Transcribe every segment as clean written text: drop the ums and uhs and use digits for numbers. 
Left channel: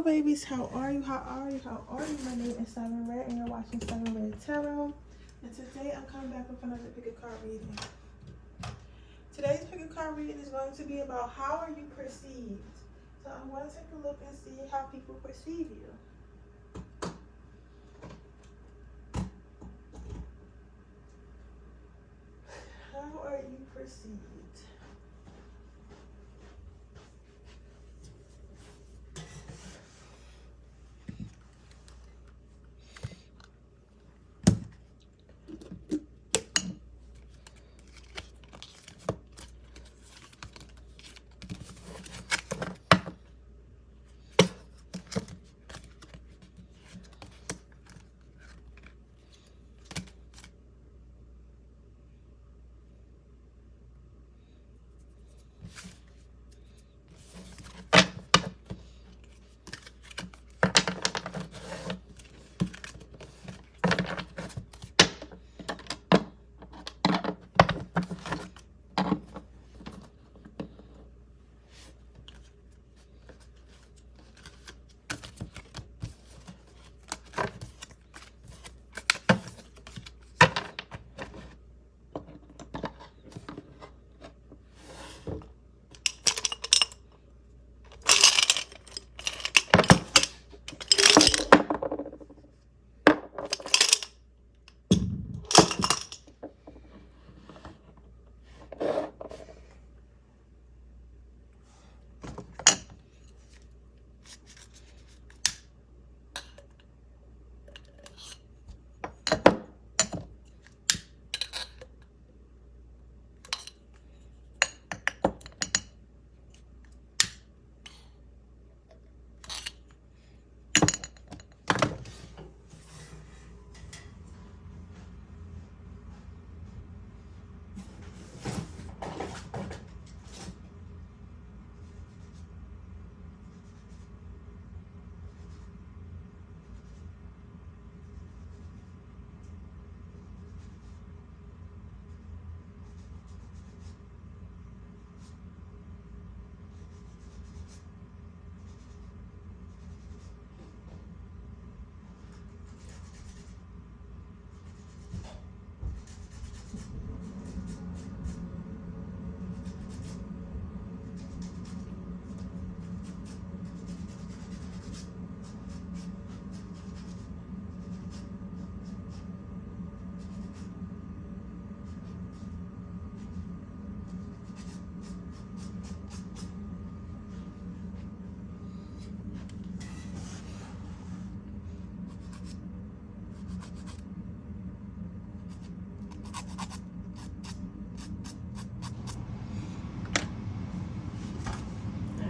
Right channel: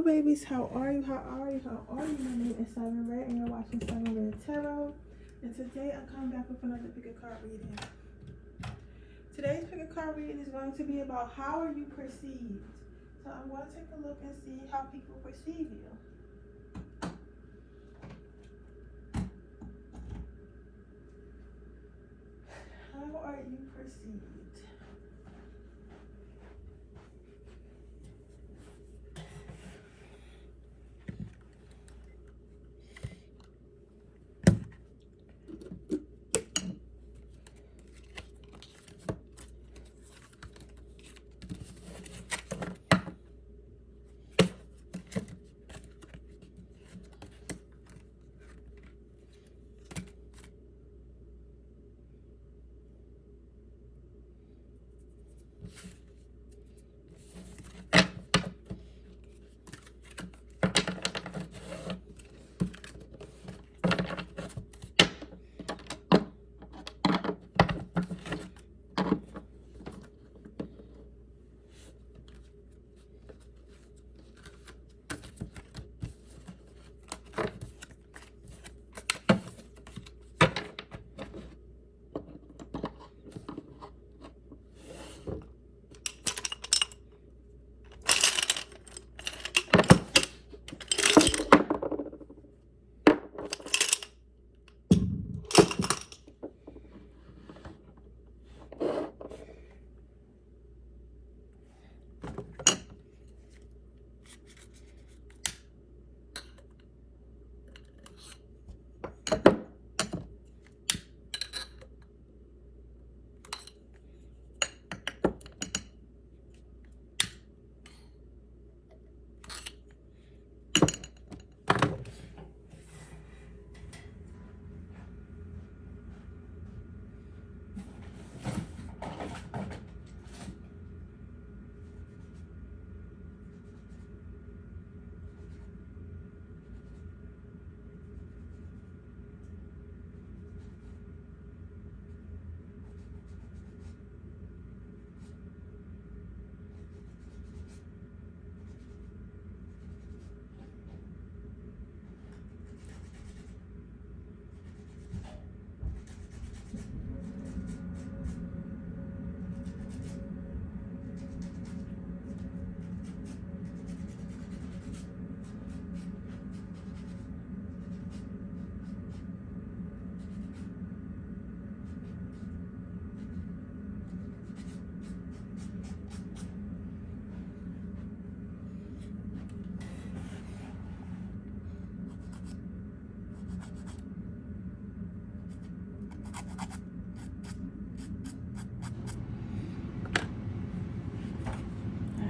Hello babies, how are you? How are you? How are you? My name is Siren Red and you're watching Siren Red Tarot. And today I'm coming back with another pick a card reading. Today's pick a card reading is going to be about how are you perceived. So I'm going to take a look and see how people perceive you. How are you perceived?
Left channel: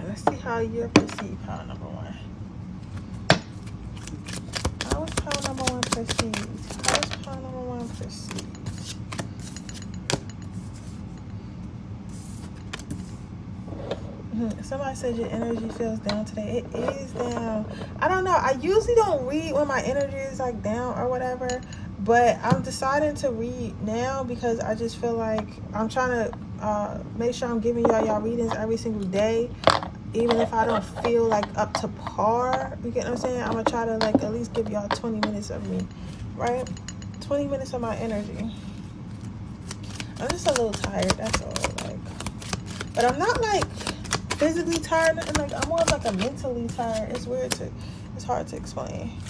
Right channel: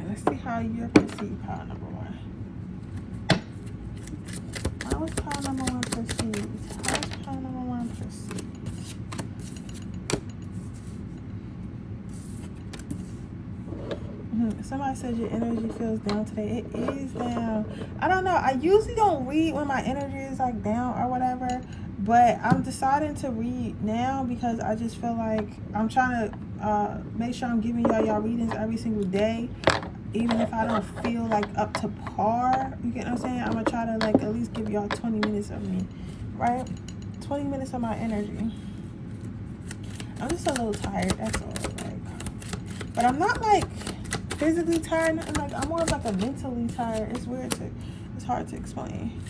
Let's see how you're perceived, pile number one. How is pile number one perceived? How is pile number one perceived? Somebody said your energy feels down today. It is down. I don't know. I usually don't read when my energy is like down or whatever, but I'm deciding to read now because I just feel like I'm trying to make sure I'm giving y'all readings every single day. Even if I don't feel like up to par, you get what I'm saying? I'm gonna try to like at least give y'all 20 minutes of me, right? 20 minutes of my energy. I'm just a little tired, that's all. Like, but I'm not like physically tired, nothing. Like I'm more of like a mentally tired. It's weird to, it's hard to explain.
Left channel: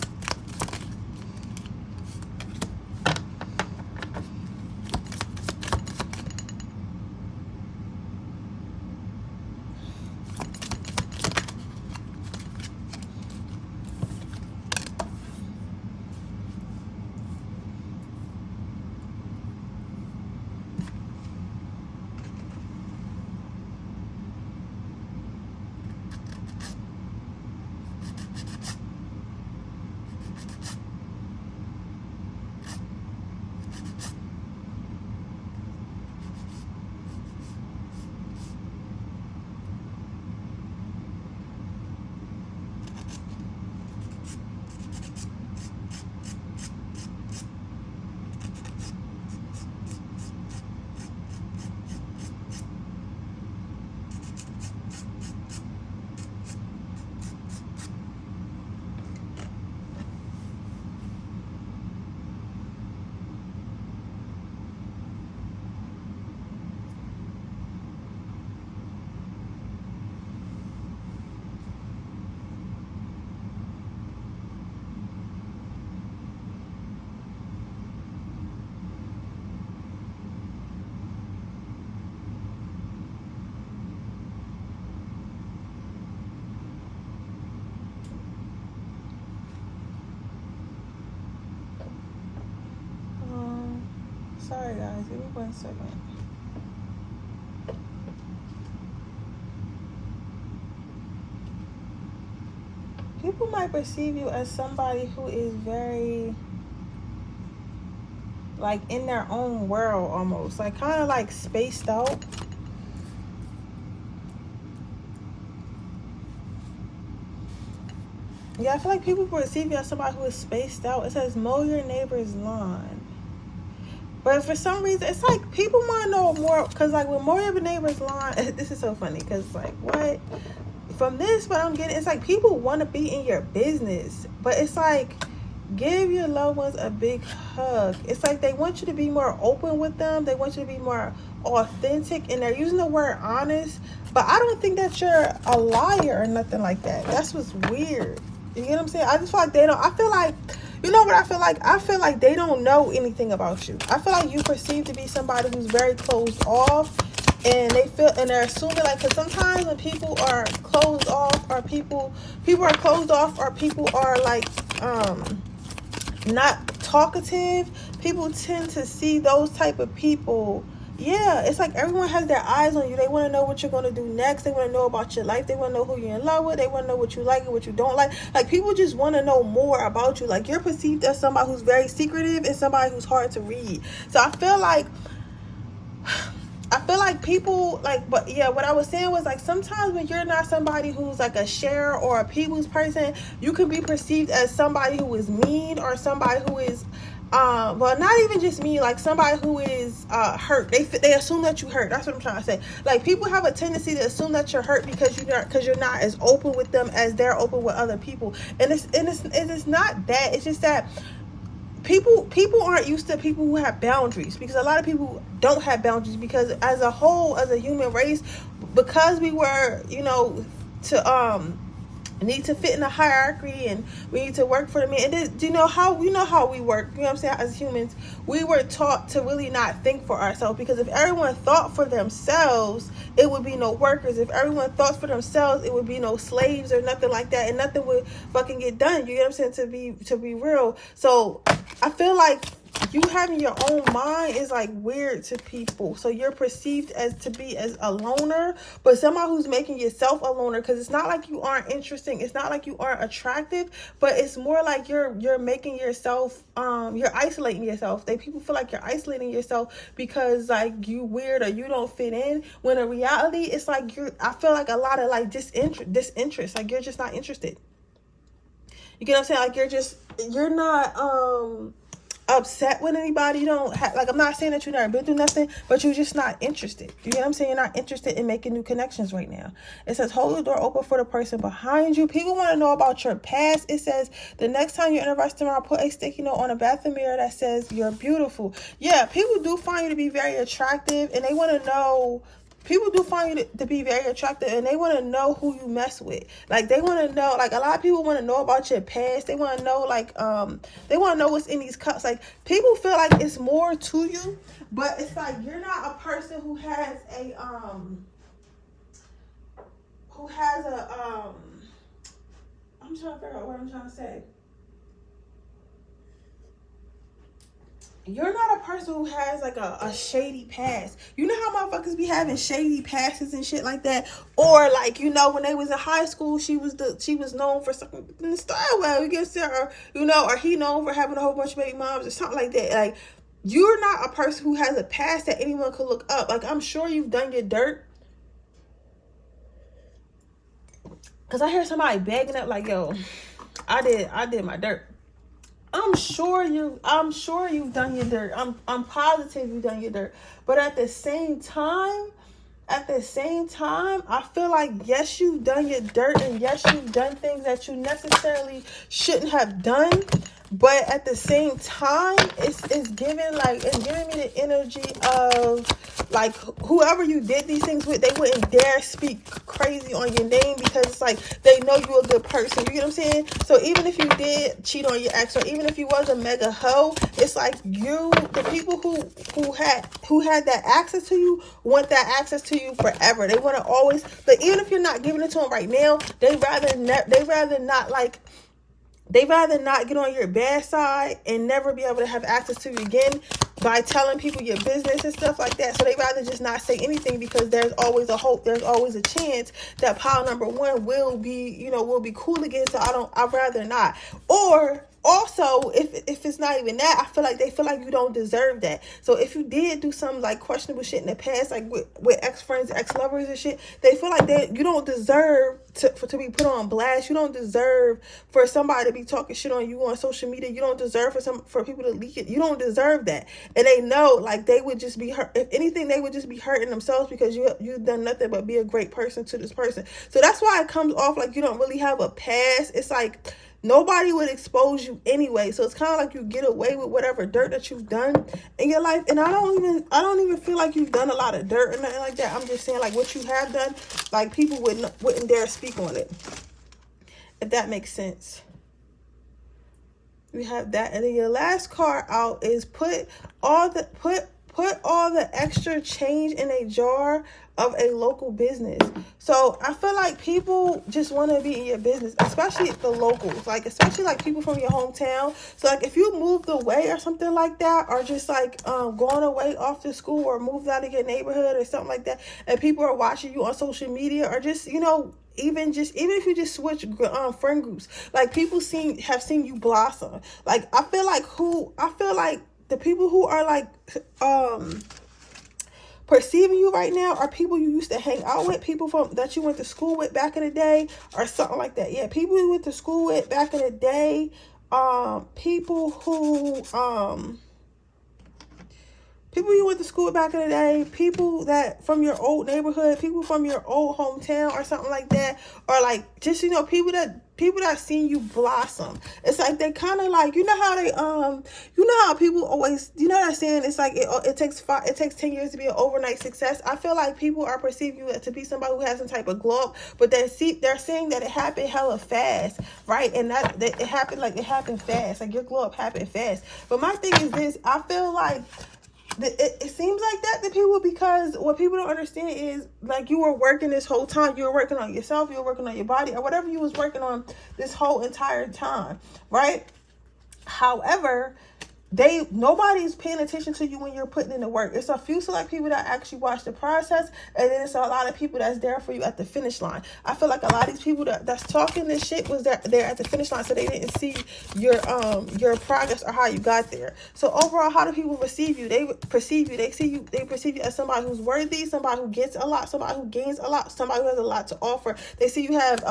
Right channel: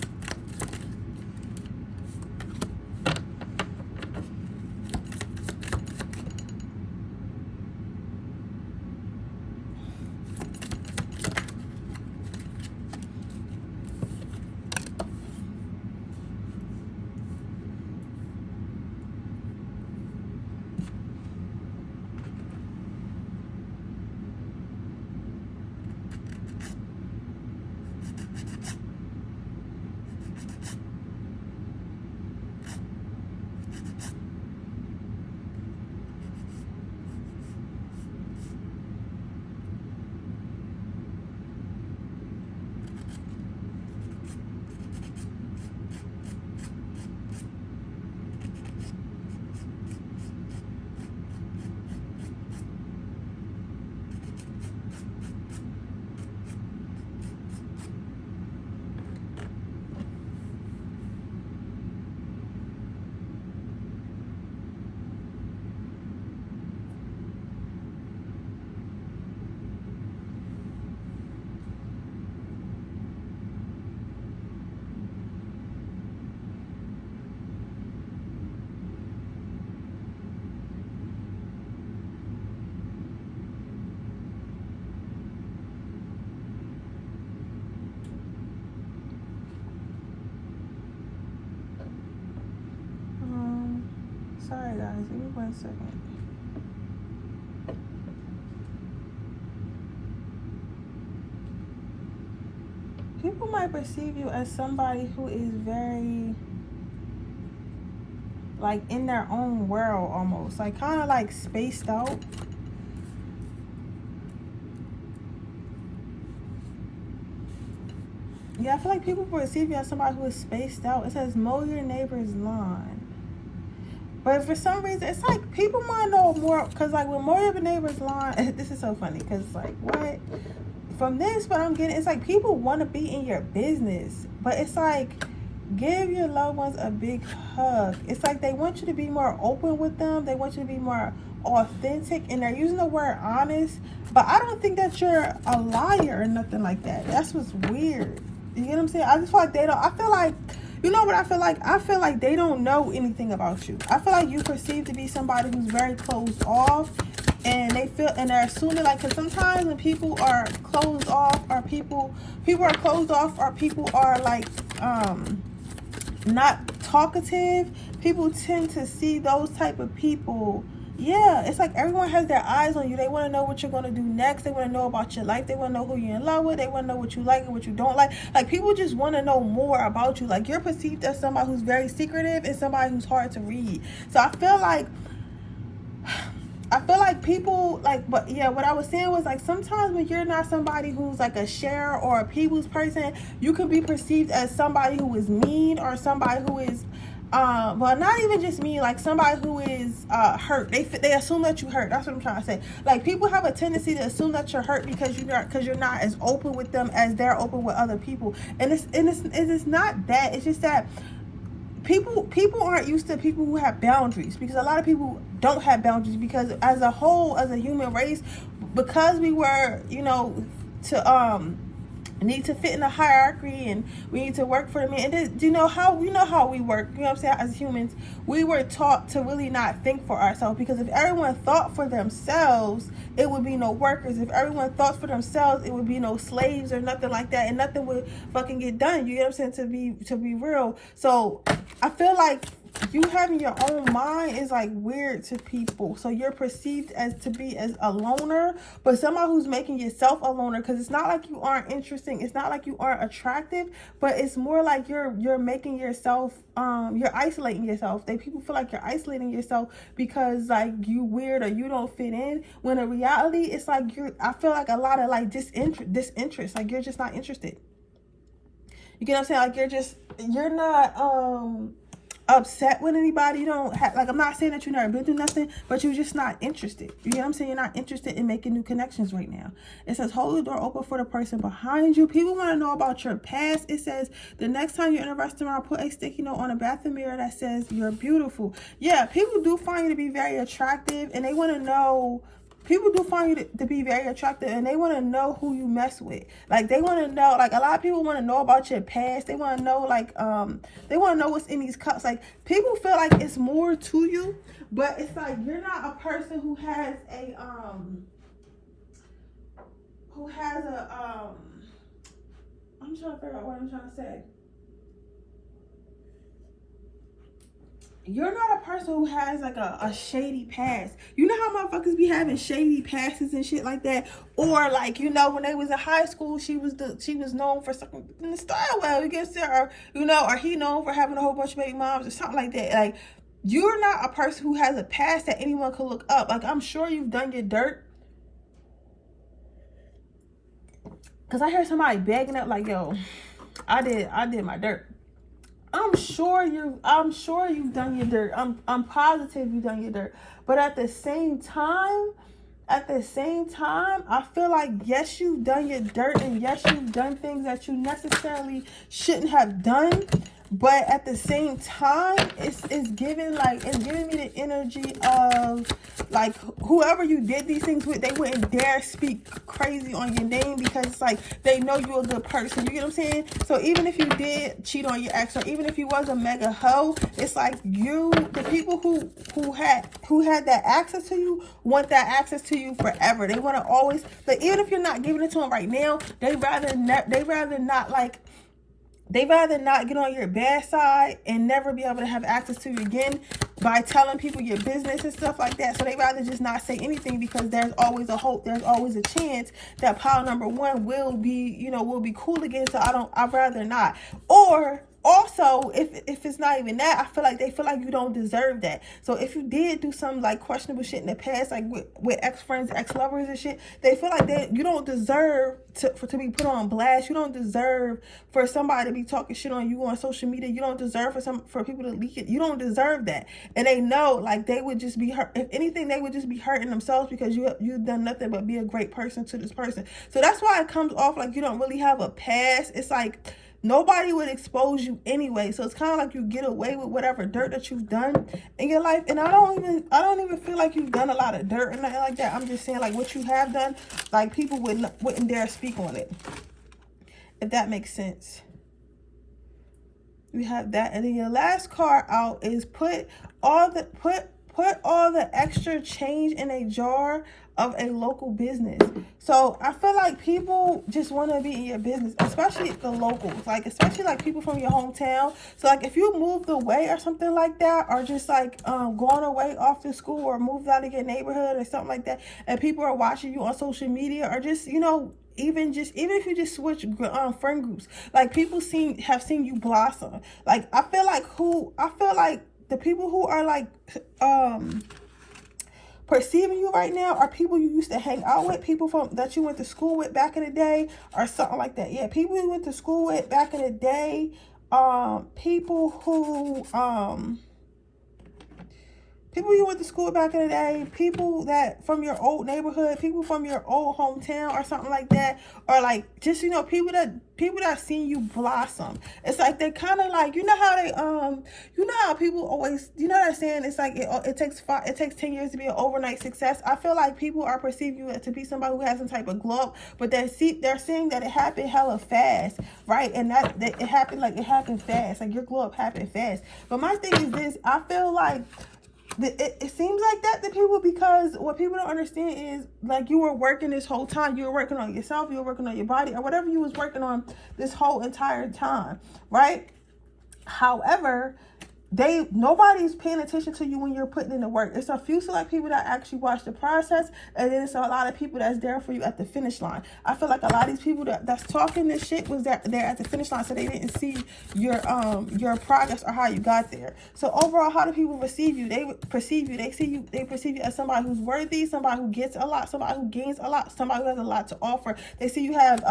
Sorry guys, give me 1 second. People might perceive you as somebody who is very, like, in their own world almost. Like, kind of like spaced out. Yeah, I feel like people perceive you as somebody who is spaced out. It says, mow your neighbor's lawn. But for some reason, it's like people want to know more. Because, like, when mow your neighbor's lawn, this is so funny. Because, like, what? From this, what I'm getting, it's like people want to be in your business. But it's like, give your loved ones a big hug. It's like they want you to be more open with them. They want you to be more authentic. And they're using the word honest. But I don't think that you're a liar or nothing like that. That's what's weird. You get what I'm saying? I just feel like they don't. I feel like, you know what I feel like? I feel like they don't know anything about you. I feel like you perceive to be somebody who's very closed off, and they feel, and they're assuming, like, because sometimes when people are closed off, or people are closed off, or people are like not talkative, people tend to see those type of people. Yeah, it's like everyone has their eyes on you. They want to know what you're going to do next. They want to know about your life. They want to know who you're in love with. They want to know what you like and what you don't like. Like, people just want to know more about you. Like, you're perceived as somebody who's very secretive and somebody who's hard to read. So I feel like people, like, but yeah, what I was saying was, like, sometimes when you're not somebody who's like a sharer or a people's person, you can be perceived as somebody who is mean, or somebody who is well, not even just me, like somebody who is hurt. They assume that you hurt. That's what I'm trying to say. Like, people have a tendency to assume that you're hurt because you're not as open with them as they're open with other people. And it's not that. It's just that people aren't used to people who have boundaries, because a lot of people don't have boundaries, because as a whole, as a human race, because we were, you know, to need to fit in a hierarchy, and we need to work for the man. And you know how we work, you know what I'm saying? As humans, we were taught to really not think for ourselves, because if everyone thought for themselves, it would be no workers. If everyone thought for themselves, it would be no slaves or nothing like that, and nothing would fucking get done. You know what I'm saying? To be real. So I feel like you having your own mind is like weird to people. So you're perceived as to be as a loner, but somebody who's making yourself a loner, because it's not like you aren't interesting, it's not like you aren't attractive, but it's more like you're making yourself you're isolating yourself. People feel like you're isolating yourself because, like, you weird or you don't fit in, when in reality it's like I feel like a lot of like disinterest, like you're just not interested. You get what I'm saying? Like, you're not upset with anybody. You don't have, like, I'm not saying that you've never been through nothing, but you're just not interested. You know what I'm saying? You're not interested in making new connections right now. It says, hold the door open for the person behind you. People want to know about your past. It says, the next time you're in a restaurant, put a sticky note on a bathroom mirror that says, you're beautiful. Yeah, people do find you to be very attractive, and they want to know. People do find you to be very attractive, and they want to know who you mess with. Like, they want to know, like, a lot of people want to know about your past. They want to know, like, they want to know what's in these cups. Like, people feel like it's more to you, but it's like you're not a person who has a, I'm trying to figure out what I'm trying to say. You're not a person who has like a shady past. You know how motherfuckers be having shady pasts and shit like that? Or, like, you know, when they was in high school, she was known for something in the style, well, you get or, you know, or he known for having a whole bunch of baby moms or something like that. Like, you're not a person who has a past that anyone could look up. Like, I'm sure you've done your dirt. Cause I hear somebody begging up like, yo, I did my dirt. I'm sure you've done your dirt. I'm positive you've done your dirt. But at the same time, I feel like, yes, you've done your dirt, and yes, you've done things that you necessarily shouldn't have done. But at the same time, it's giving me the energy of, like, whoever you did these things with, they wouldn't dare speak crazy on your name, because it's like they know you're a good person. You get what I'm saying? So even if you did cheat on your ex, or even if you was a mega hoe, it's like the people who had that access to you want that access to you forever. They want to always, like, even if you're not giving it to them right now, they rather not get on your bad side and never be able to have access to you again, by telling people your business and stuff like that. So they rather just not say anything, because there's always a hope, there's always a chance that pile number one will be, you know, will be cool again. So I'd rather not. Or also, if it's not even that, I feel like they feel like you don't deserve that. So if you did do some like questionable shit in the past, like with ex-friends, ex-lovers and shit, they feel like you don't deserve to be put on blast. You don't deserve for somebody to be talking shit on you on social media. You don't deserve for people to leak it. You don't deserve that. And they know, like, they would just be hurt. If anything, they would just be hurting themselves, because you've done nothing but be a great person to this person. So that's why it comes off like you don't really have a past. It's like nobody would expose you anyway. So it's kind of like you get away with whatever dirt that you've done in your life. And I don't even feel like you've done a lot of dirt or nothing like that. I'm just saying, like, what you have done, like, people wouldn't dare speak on it, if that makes sense. We have that. And then your last card out is put all the extra change in a jar of a local business. So I feel like people just want to be in your business, especially the locals, like especially like people from your hometown. So like if you moved away or something like that, or just like going away off to school, or moved out of your neighborhood or something like that, and people are watching you on social media, or just, you know, even if you just switch friend groups, like people have seen you blossom. Like I feel like the people who are like perceiving you right now are people you used to hang out with, people that you went to school with back in the day, or something like that. Yeah, people you went to school with back in the day, people you went to school back in the day, people that from your old neighborhood, people from your old hometown or something like that, or like just, you know, people that seen you blossom. It's like they kind of like, you know how they you know how people always, you know what I'm saying, it's like it takes 10 years to be an overnight success. I feel like people are perceiving you to be somebody who has some type of glow up, but they're seeing that it happened hella fast, right? And that it happened fast, like your glow up happened fast. But my thing is this, I feel like it seems like that to people, because what people don't understand is, like, you were working this whole time. You were working on yourself. You were working on your body, or whatever you was working on this whole entire time, right? However, nobody's paying attention to you when you're putting in the work. It's a few select people that actually watch the process, and then it's a lot of people that's there for you at the finish line. I feel like a lot of these people that's talking this shit was there at the finish line, so they didn't see your progress or how you got there. So overall, how do people receive you? They perceive you. They perceive you as somebody who's worthy, somebody who gets a lot, somebody who gains a lot, somebody who has a lot to offer. They see you have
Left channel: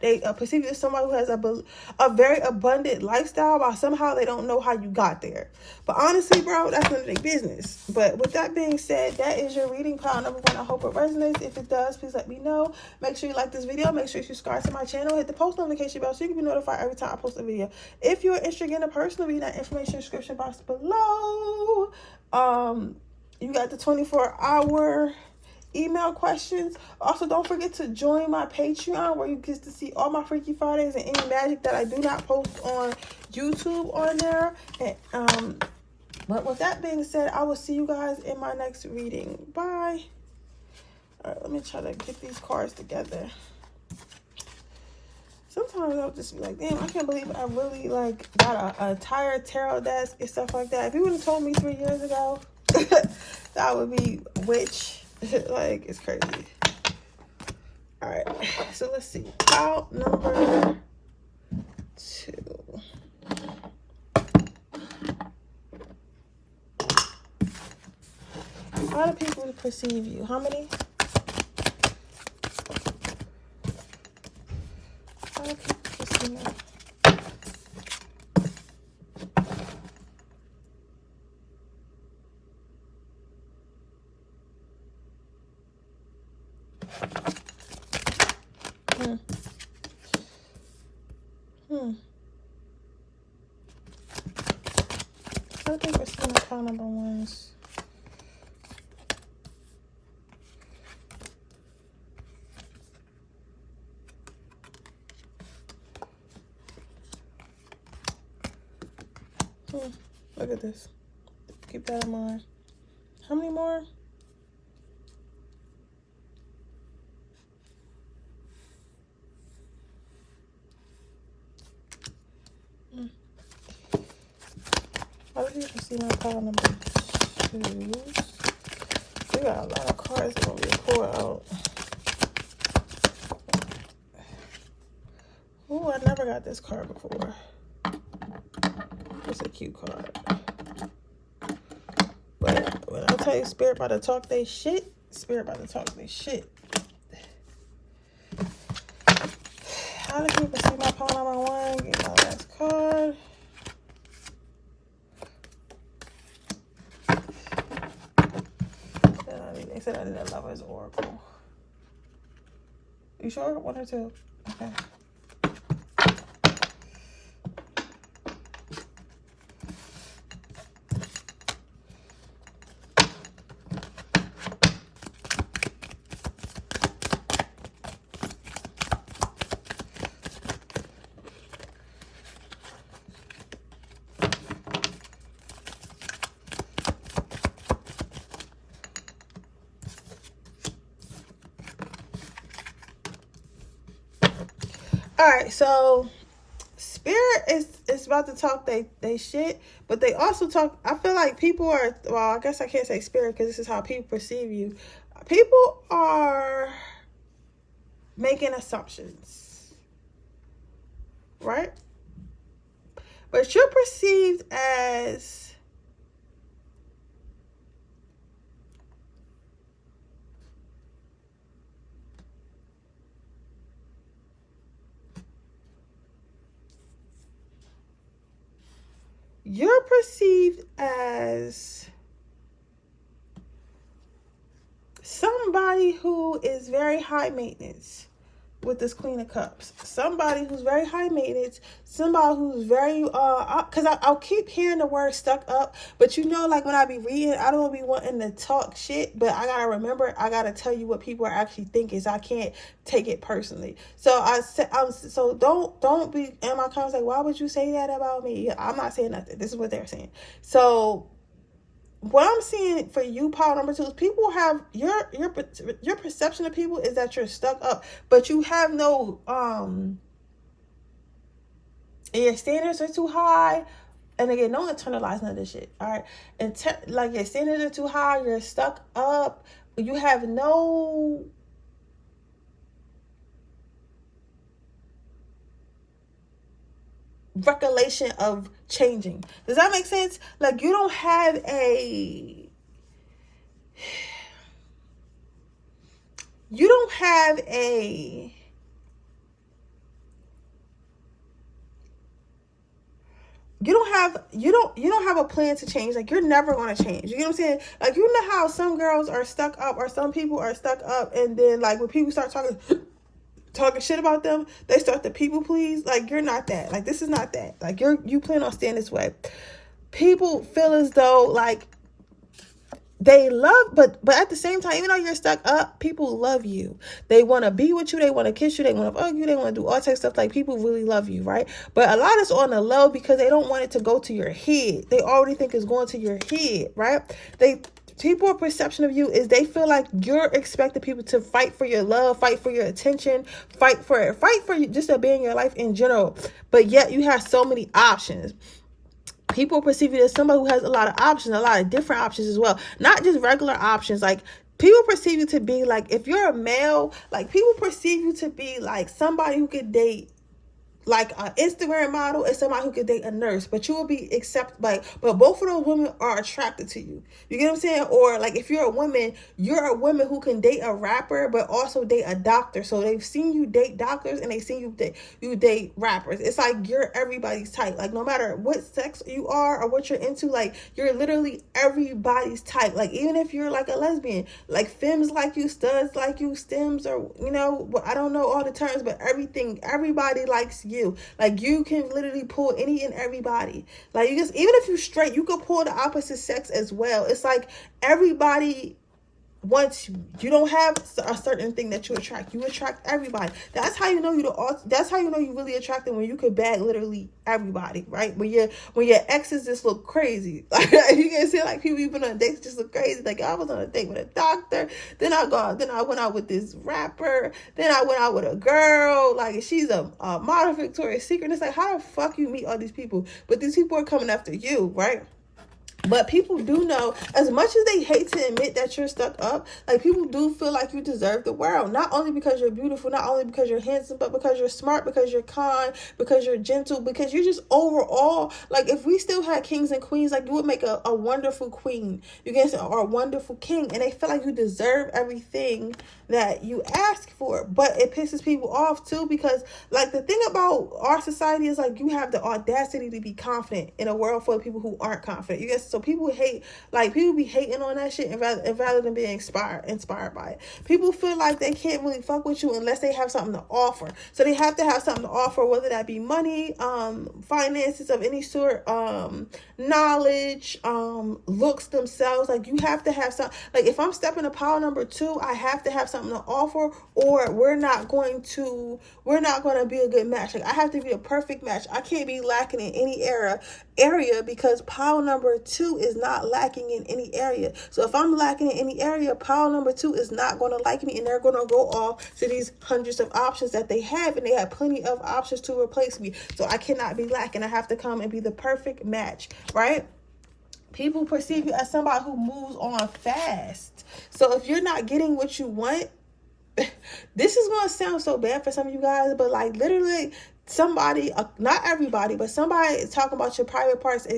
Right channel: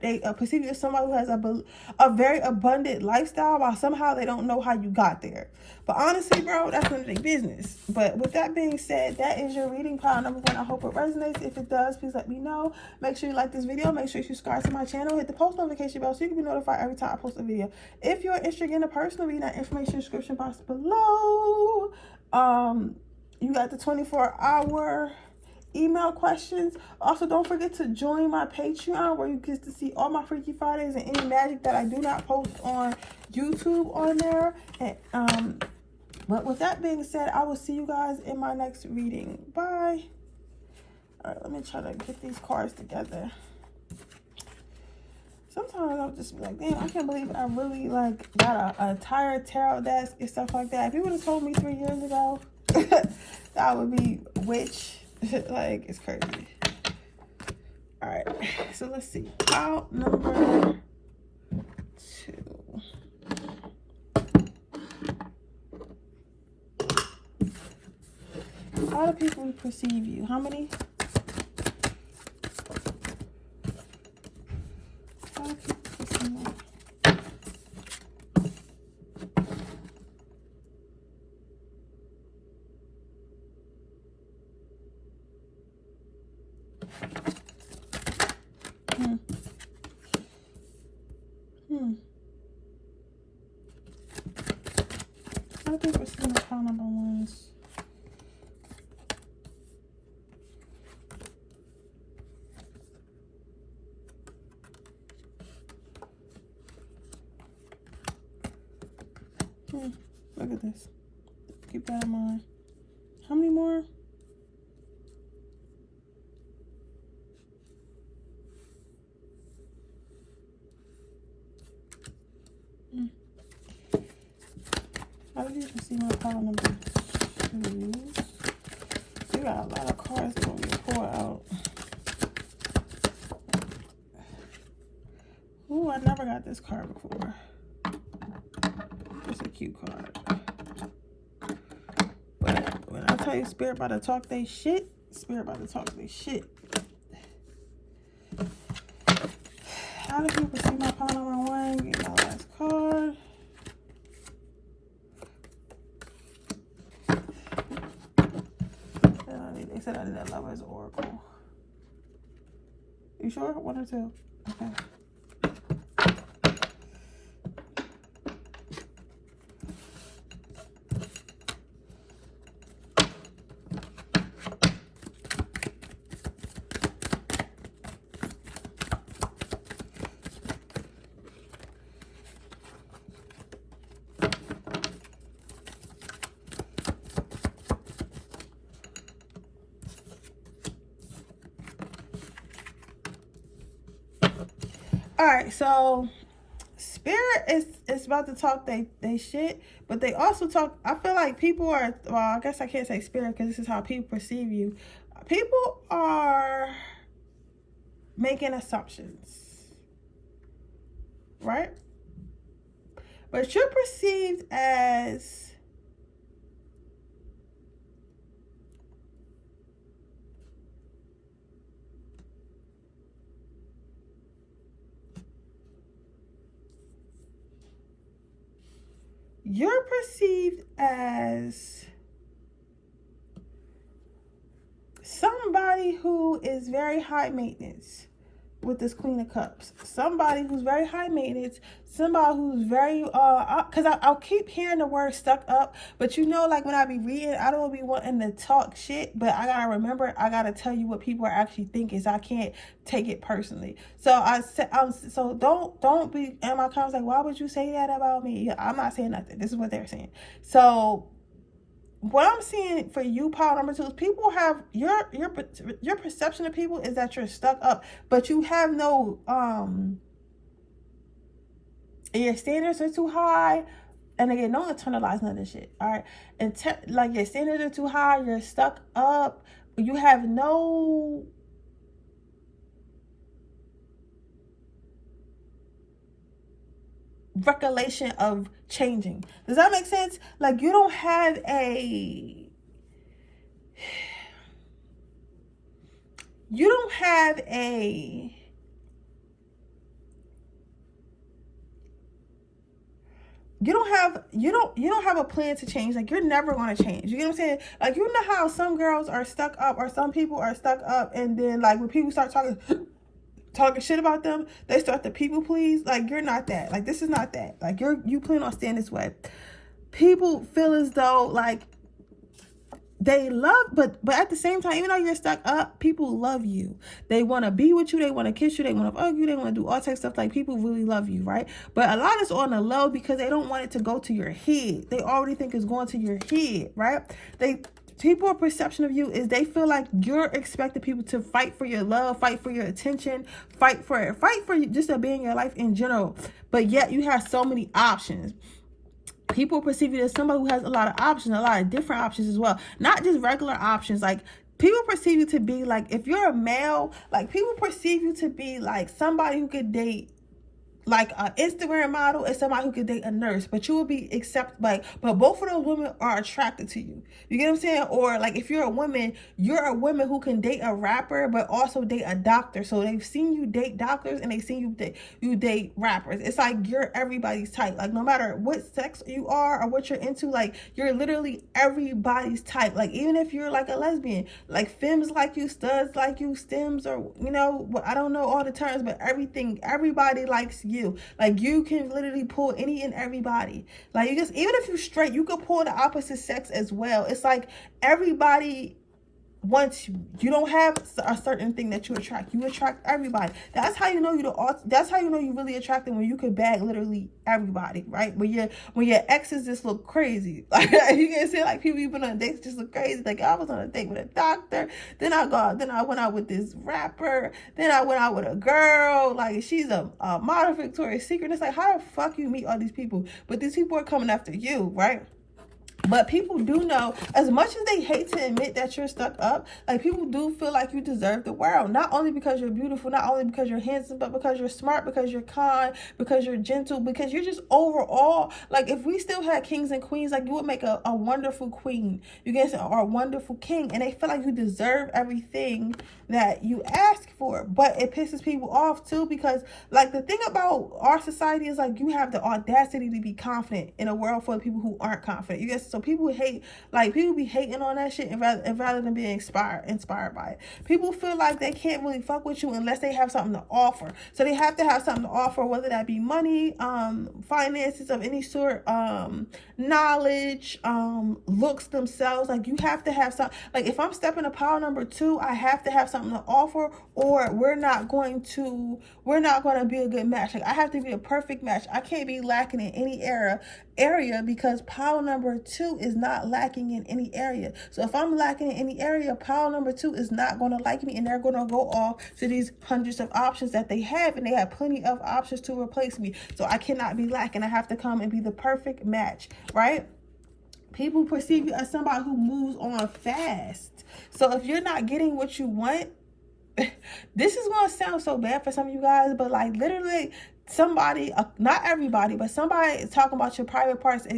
they perceive you as somebody who has a very abundant lifestyle, while somehow they don't know how you got there. But honestly, bro, that's none of their business. But with that being said, that is your reading, pile number one. I hope it resonates. If it does, please let me know. Make sure you like this video. Make sure you subscribe to my channel. Hit the post notification bell so you can be notified every time I post a video. If you're interested in a personal reading, that information in the description box below. You got the 24-hour email questions. Also, don't forget to join my Patreon, where you get to see all my Freaky Fridays and any magic that I do not post on YouTube on there. And but with that being said, I will see you guys in my next reading. Bye. All right, let me try to get these cards together. Sometimes I'll just be like, damn, I can't believe I really like got a entire tarot desk and stuff like that. If you would have told me 3 years ago that would be witch, like, it's crazy. All right, so let's see. Out number 2. How do people perceive you? How many? How do people perceive you? How do people perceive my pile number ones? Look at this. Keep that in mind. How many more? How do you see my pile numbers? We got a lot of cards that gonna get pulled out. Ooh, I never got this card before. It's a cute card. But when I tell you Spirit about to talk they shit, Spirit about to talk they shit. How do people see my pile number one? Get my last card. They said I did a Lover's Oracle. You sure? One or two? Okay. All right, so Spirit is about to talk they shit, but they also talk. I feel like people are, well, I guess I can't say Spirit because this is how people perceive you. People are making assumptions, right? But you're perceived as somebody who is very high maintenance with this Queen of Cups. Somebody who's very high maintenance. Somebody who's very, because I'll keep hearing the word stuck up. But you know, like when I be reading, I don't be wanting to talk shit. But I got to remember, I got to tell you what people are actually thinking. So I can't take it personally. So so don't be in my comments like, why would you say that about me? Yeah, I'm not saying nothing. This is what they're saying. So what I'm seeing for you, pile number two, is people have your perception of people is that you're stuck up, but you have no your standards are too high. And again, don't internalize none of this shit. All right, and like your standards are too high, you're stuck up, you have no recollection of changing. Does that make sense? Like you don't have a you don't have a plan to change. Like you're never going to change. You get what I'm saying? Like you know how some girls are stuck up or some people are stuck up, and then like when people start talking shit about them, they start to people please. Like you're not that. Like this is not that. Like you plan on staying this way. People feel as though like they love, but at the same time, even though you're stuck up, people love you. They want to be with you. They want to kiss you. They want to hug you. They want to do all types of stuff. Like people really love you, right? But a lot is on the low because they don't want it to go to your head. They already think it's going to your head, right? People's perception of you is they feel like you're expecting people to fight for your love, fight for your attention, fight for you, just to be in your life in general. But yet you have so many options. People perceive you as somebody who has a lot of options, a lot of different options as well. Not just regular options. Like people perceive you to be like, if you're a male, like people perceive you to be like somebody who could date like an Instagram model and somebody who could date a nurse, but you will be accepted by, but both of those women are attracted to you. You get what I'm saying? Or like if you're a woman who can date a rapper, but also date a doctor. So they've seen you date doctors and they've seen you date rappers. It's like you're everybody's type. Like no matter what sex you are or what you're into, like you're literally everybody's type. Like even if you're like a lesbian, like femmes like you, studs like you, stems, or you know, I don't know all the terms, but everybody likes you. Like you can literally pull any and everybody. Like even if you're straight, you can pull the opposite sex as well. It's like everybody wants you. You don't have a certain thing that you attract. You attract everybody. That's how you know that's how you know you really attracted, when you could bag literally everybody, right? When your exes just look crazy. Like you can see like people you've been on dates just look crazy. Like I was on a date with a doctor, then I went out with this rapper, then I went out with a girl, like she's a model Victoria's Secret. It's like how the fuck you meet all these people? But these people are coming after you, right? But people do know, as much as they hate to admit that you're stuck up, like, people do feel like you deserve the world. Not only because you're beautiful, not only because you're handsome, but because you're smart, because you're kind, because you're gentle, because you're just overall, like, if we still had kings and queens, like, you would make a wonderful queen, you guys, or a wonderful king, and they feel like you deserve everything that you ask for. But it pisses people off too, because, like, the thing about our society is, like, you have the audacity to be confident in a world full of people who aren't confident, you guys. So people hate, like, people be hating on that shit, and rather than being inspired by it. People feel like they can't really fuck with you unless they have something to offer. So they have to have something to offer, whether that be money, finances of any sort, knowledge, looks themselves. Like, you have to have some, like, if I'm stepping to pile number 2, I have to have something to offer, or we're not going to be a good match. Like, I have to be a perfect match. I can't be lacking in any area, because pile number 2 is not lacking in any area. So if I'm lacking in any area, pile number 2 is not going to like me, and they're going to go off to these hundreds of options that they have, and they have plenty of options to replace me. So I cannot be lacking. I have to come and be the perfect match, right? People perceive you as somebody who moves on fast. So if you're not getting what you want, this is going to sound so bad for some of you guys, but, like, literally somebody, not everybody, but somebody is talking about your private parts,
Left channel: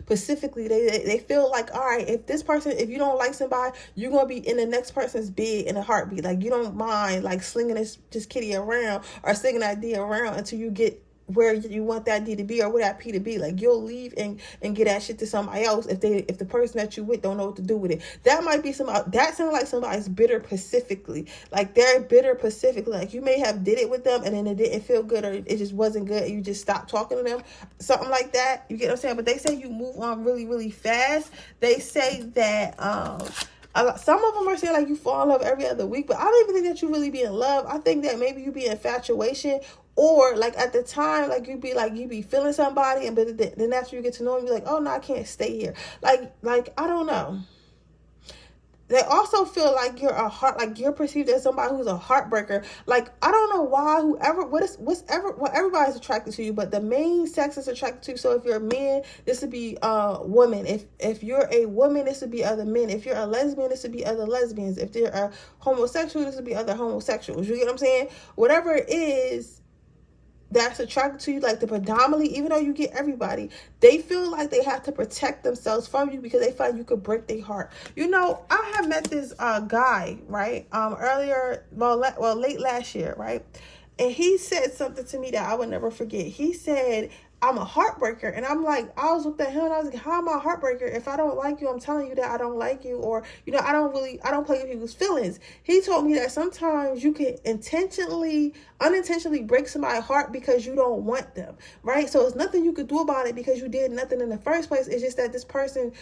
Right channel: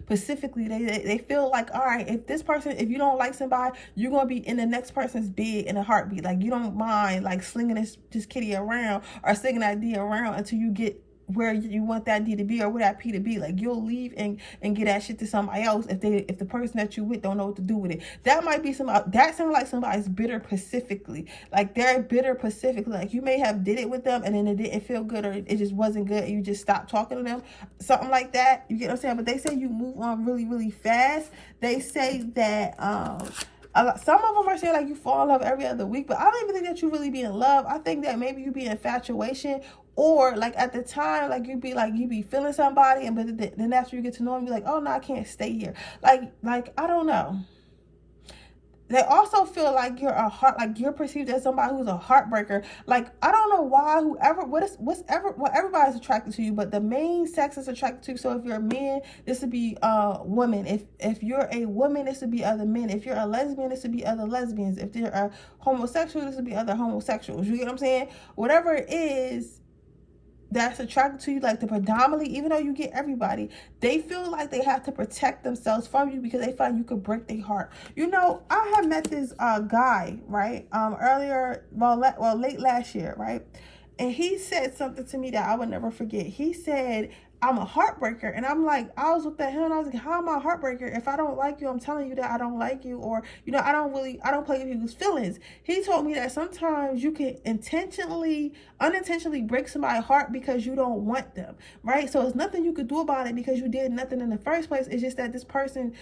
specifically. They feel like, all right, if you don't like somebody, you're going to be in the next person's bed in a heartbeat. Like, you don't mind, like, slinging this kitty around or slinging that D around until you get where you want that D to be, or where that P to be. Like, you'll leave and get that shit to somebody else if the person that you with don't know what to do with it. That might be that sounds like somebody's bitter pacifically. Like, they're bitter pacifically. Like, you may have did it with them and then it didn't feel good, or it just wasn't good, and you just stopped talking to them, something like that. You get what I'm saying? But they say you move on really, really fast. They say that some of them are saying, like, you fall in love every other week, but I don't even think that you really be in love. I think that maybe you be in infatuation, or, like, at the time, like, you be feeling somebody, and but then after you get to know them, you're like, oh no, I can't stay here. Like I don't know. They also feel like you're perceived as somebody who's a heartbreaker. Like, I don't know why what everybody's attracted to you, but the main sex is attracted to you. So if you're a man, this would be women. If you're a woman, this would be other men. If you're a lesbian, this would be other lesbians. If they're a homosexual, this would be other homosexuals. You get what I'm saying? Whatever it is that's attracted to you, like, the predominantly, even though you get everybody, they feel like they have to protect themselves from you because they feel like you could break their heart. You know, I have met this guy, right, late last year, right, and he said something to me that I would never forget. He said, I'm a heartbreaker. And I'm like, I was looking at him and I was like, how am I a heartbreaker? If I don't like you, I'm telling you that I don't like you, or, you know, I don't play with people's feelings. He told me that sometimes you can unintentionally break somebody's heart because you don't want them, right? So it's nothing you could do about it because you did nothing in the first place. It's just that this person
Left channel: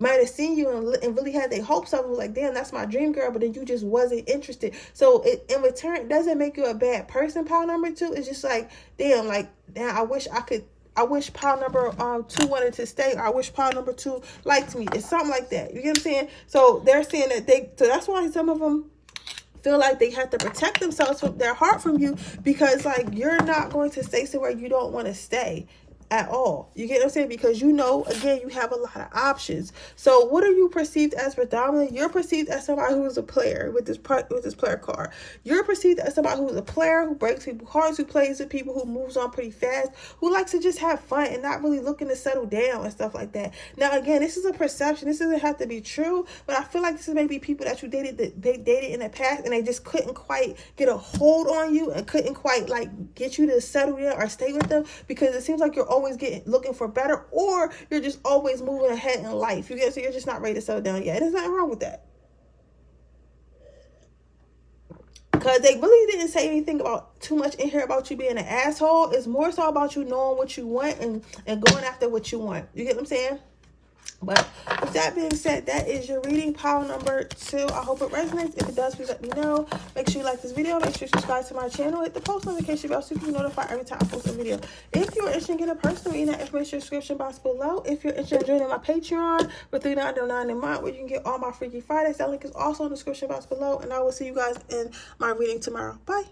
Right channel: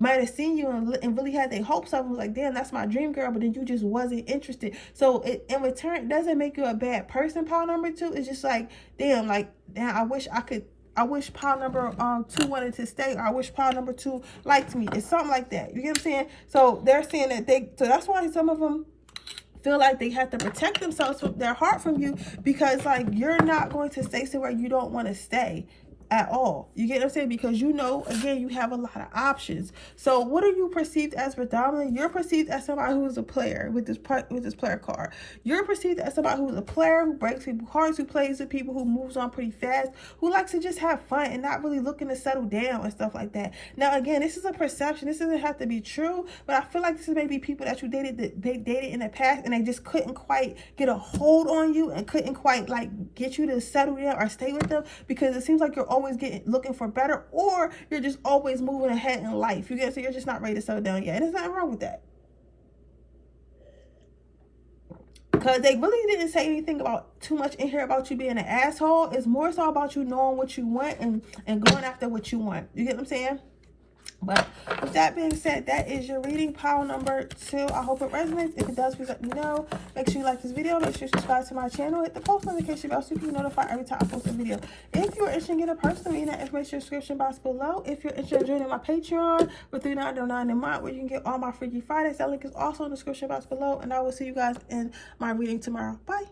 might have seen you and really had their hopes up and was like, damn, that's my dream girl, but then you just wasn't interested. So in return, it doesn't make you a bad person, pile number 2. It's just like, damn, I wish pile number 2 wanted to stay, or I wish pile number 2 liked me. It's something like that. You get what I'm saying? So they're saying that so that's why some of them feel like they have to protect themselves from their heart from you, because, like, you're not going to stay somewhere you don't want to stay at all. You get what I'm saying? Because, you know, again, you have a lot of options. So what are you perceived as predominantly? You're perceived as somebody who is a player with this player card. You're perceived as somebody who is a player, who breaks people's hearts, who plays with people, who moves on pretty fast, who likes to just have fun and not really looking to settle down and stuff like that. Now, again, this is a perception. This doesn't have to be true, but I feel like this is maybe people that you dated in the past, and they just couldn't quite get a hold on you and couldn't quite, like, get you to settle down or stay with them, because it seems like you're always looking for better, or you're just always moving ahead in life. You get, so you're just not ready to settle down yet. And there's nothing wrong with that, because they really didn't say anything about too much in here about you being an asshole. It's more so about you knowing what you want and going after what you want. You get what I'm saying? But with that being said, that is your reading, pile number 2. I hope it resonates. If it does, please let me know. Make sure you like this video. Make sure you subscribe to my channel. Hit the post notification bell so you can be notified every time I post a video. If you're interested in getting a personal reading, that information in the description box below. If you're interested in joining my Patreon for $3.99 a month, where you can get all my Freaky Fridays, that link is also in the description box below. And I will see you guys in my reading tomorrow. Bye.